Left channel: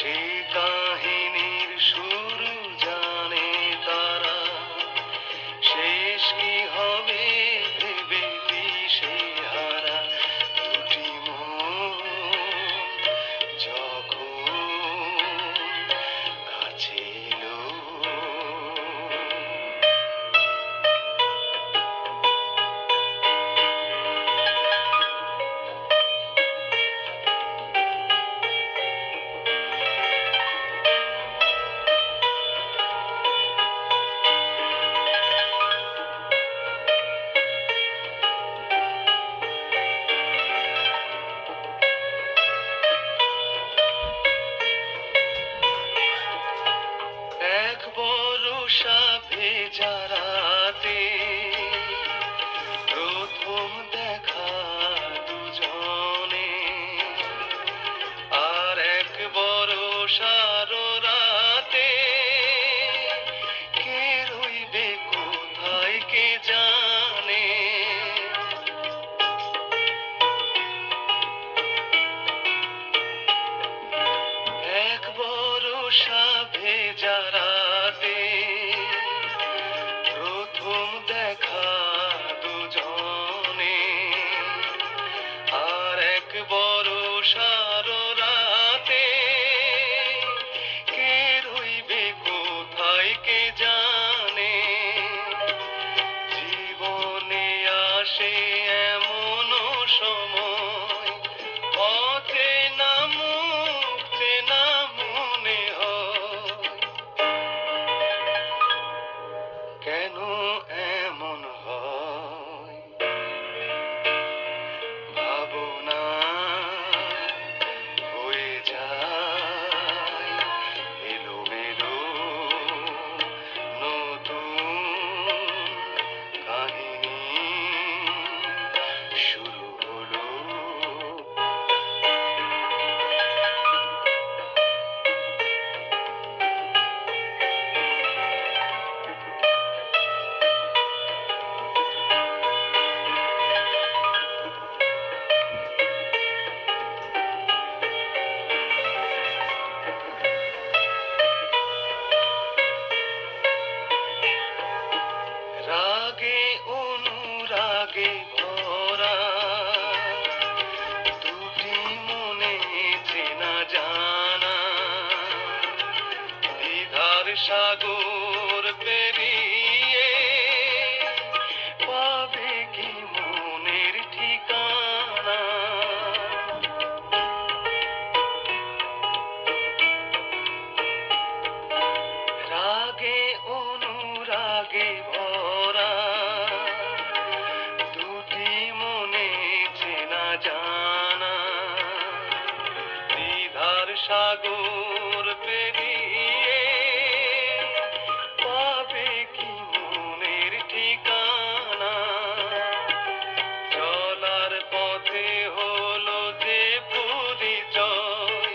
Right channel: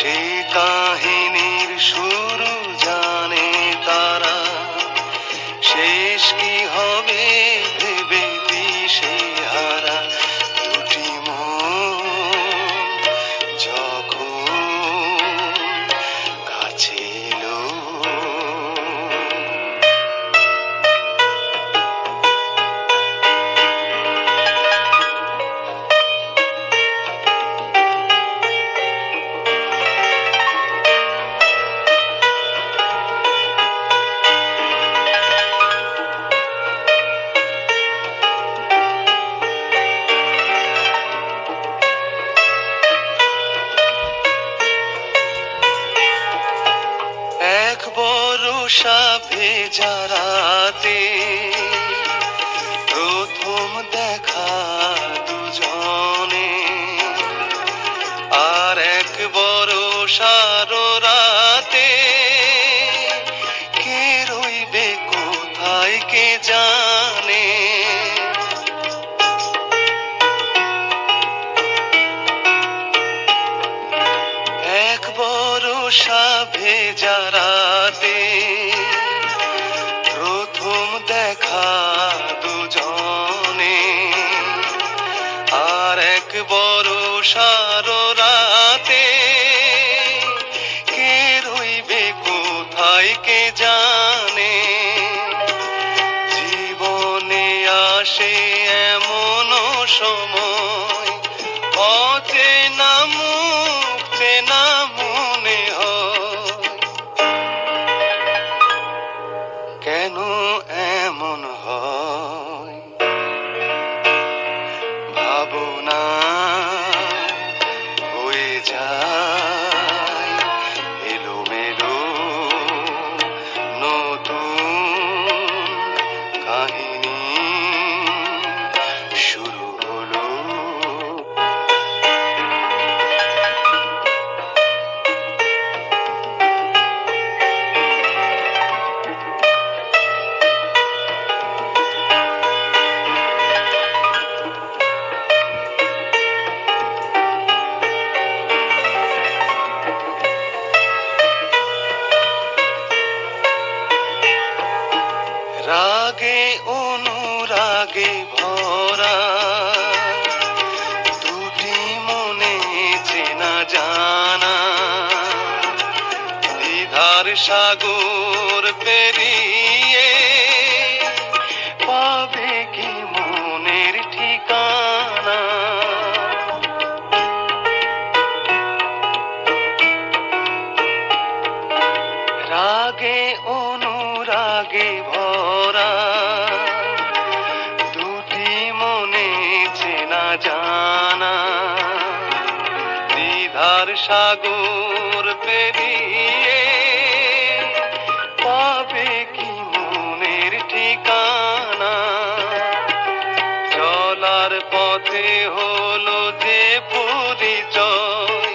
সেই কাহিনীর শুরু জানে তারা, শেষ কি হবে ভেবে দিশেহারা। দুটি মন যখন কাছে এলো, এক বরষা ভেজা রাতে প্রথম দেখা দুজনে, আর এক বরষার রাতে কে রইবে কোথায় কে জানে। এক বরষা ভেজা রাতে প্রথম দেখা দুজনে, আর এক বরষার রাতে কে রইবে কোথায় কে জানে। জীবনে আসে এমন সময়, অচেনা মুখ চেনা মনে হয়। কেন এমন হয় ভাবনা হয়ে যায় এলোমেলো, নতুন কাহিনী শুরু হলো। রাগে অনুরাগে ভরা দুটি মনে চেনা জানা, দ্বিধার সাগর পেরিয়ে পাবে কি মনের ঠিকানা। রাগে অনুরাগে ভরা দুটি মনে চেনা জানা, দ্বিধার সাগর পেরিয়ে পাবে কি মনের ঠিকানা। চলার পথে হলো যে পরিচয়,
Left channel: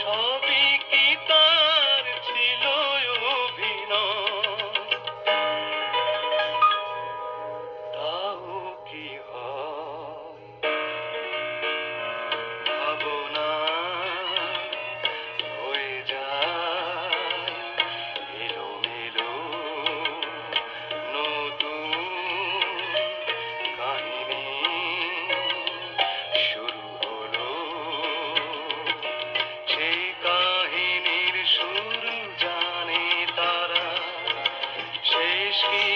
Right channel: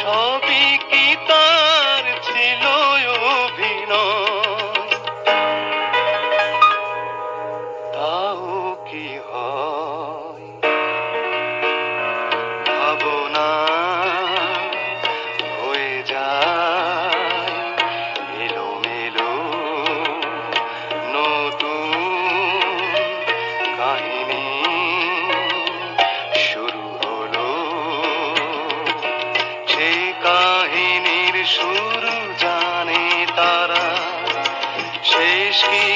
সবই কি তার ছিল অভিনয়। তাও কি হয় ভাবনা হয়ে যায় এলোমেলো, নতুন কাহিনী শুরু হলো। সেই কাহিনীর শুরু জানে তারা, শেষ কি